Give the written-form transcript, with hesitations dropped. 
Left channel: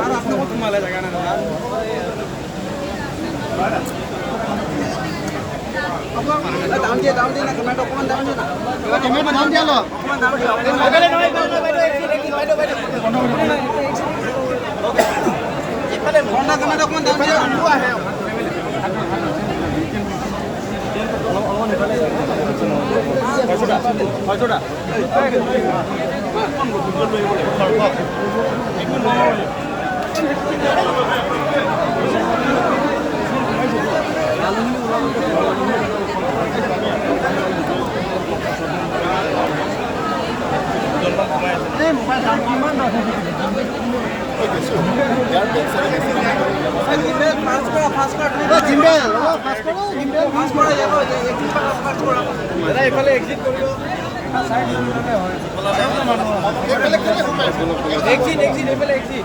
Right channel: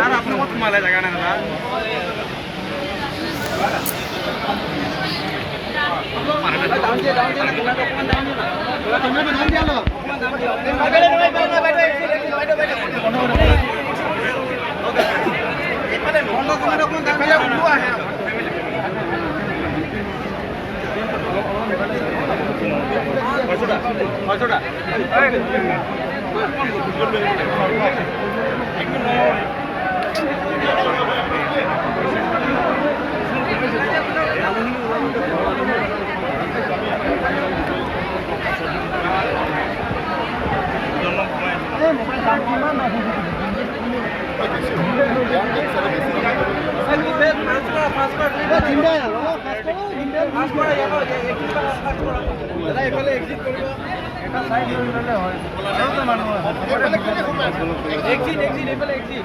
আর আপনার মতো মালায় জায়গা না দাদা দাম দিয়ে না টমেটো অকমান দাম দিও না টমেটো দাম দিয়ালো অকমান দাম দিও টমেটো অকমান দাম দিও মোবাইল দাম এক্সিট